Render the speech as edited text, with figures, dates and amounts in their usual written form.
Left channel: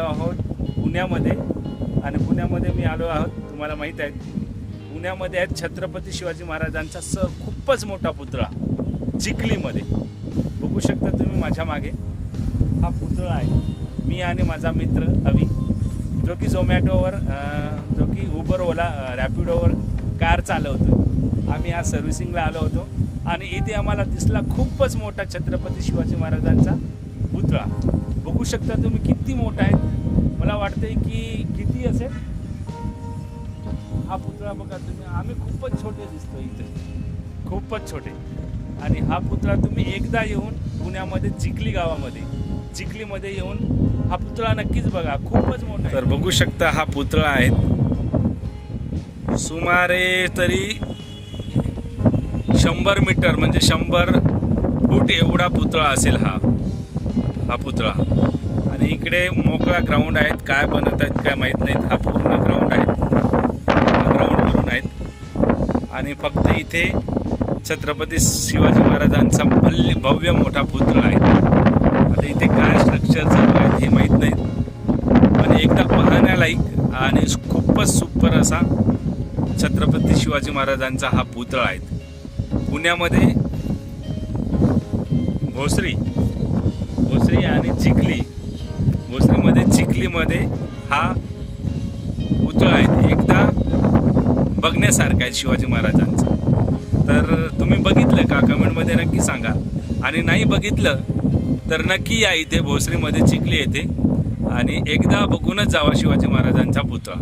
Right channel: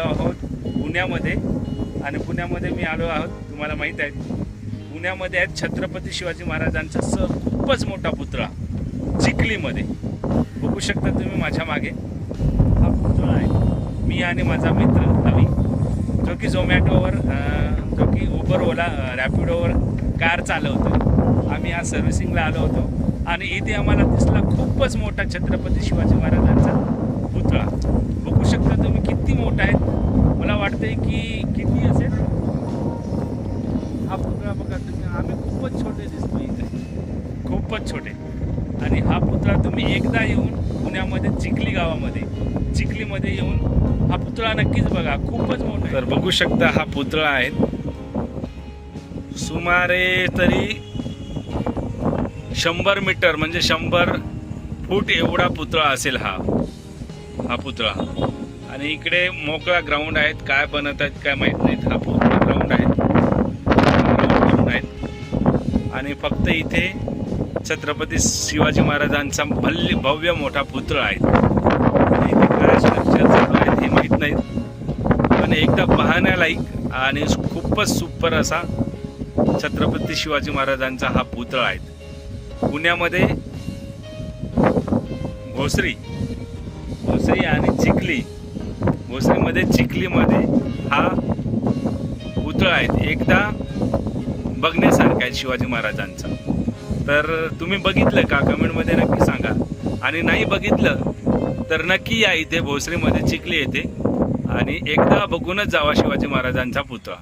आलो आहोत पुण्यामध्ये. आणि पुण्यामध्ये मी आलो आहोत, तुम्हाला माहीत आहे, पुण्यामध्ये आहेत छत्रपती शिवाजी महाराजांचा खूपच मोठा पुतळा चिखलीमध्ये. बघू शकता तुम्ही माझ्या मागे हा पुतळा आहे. मी आणि माझा मित्र अवी, जो की झोमॅटोवर, जो की उबर, ओला, रॅपिडोवर कार चालवतो. आम्ही आज सर्व्हिसिंगला आलो होतो आणि इथे आम्हाला दिसला खूपच मोठा छत्रपती शिवाजी महाराजांचा पुतळा. बघू शकता तुम्ही किती मोठा आहे. मला वाटतंय की किती असेल हा पुतळा. बघा तुम्ही, आम्ही खूपच छोटे दिसतो इथे, खूपच छोटे. आणि हा पुतळा तुम्ही एकदा येऊन पुण्यामध्ये चिखली गावामध्ये, चिखलीमध्ये येऊन हा पुतळा नक्कीच बघा, खूपच मोठा आहे. तर बघू शकता हा पुतळा आहे. सुमारे तरी 100 मीटर म्हणजे 100 फूट एवढा पुतळा असेल हा पुतळा. आणि इकडे मोकळा ग्राउंड आहेत. काय बनत आहेत काय माहीत नाहीत. हा पूर्ण ग्राउंड आहे, ग्राउंड भरून आहेत. आणि फक्त इथे छत्रपती शिवाजी महाराजांचा भव्य मोठा पुतळा आहे. आणि इथे काय स्ट्रक्चर चालू आहेत हे माहीत नाहीत, पण एकदा पाहण्यालायक आणि खूपच सुपर असा छत्रपती शिवाजी महाराजांचा हा पुतळा आहे. पुण्यामध्ये भोसरी आणि चिखली, भोसरीमध्ये चिखलीमध्ये हा पुतळा आहे. एकदा बघण्यासारखा आहे शिवाजी महाराजांचा. तर तुम्ही बघितलं का कमेंटमध्ये नक्की सांगा. आणि नाही बघितलं तर नक्की या इथे भोसरीमध्ये चिखली येते आणि एकदा बघूनच जावा शिवाजी महाराजांचा पुतळा.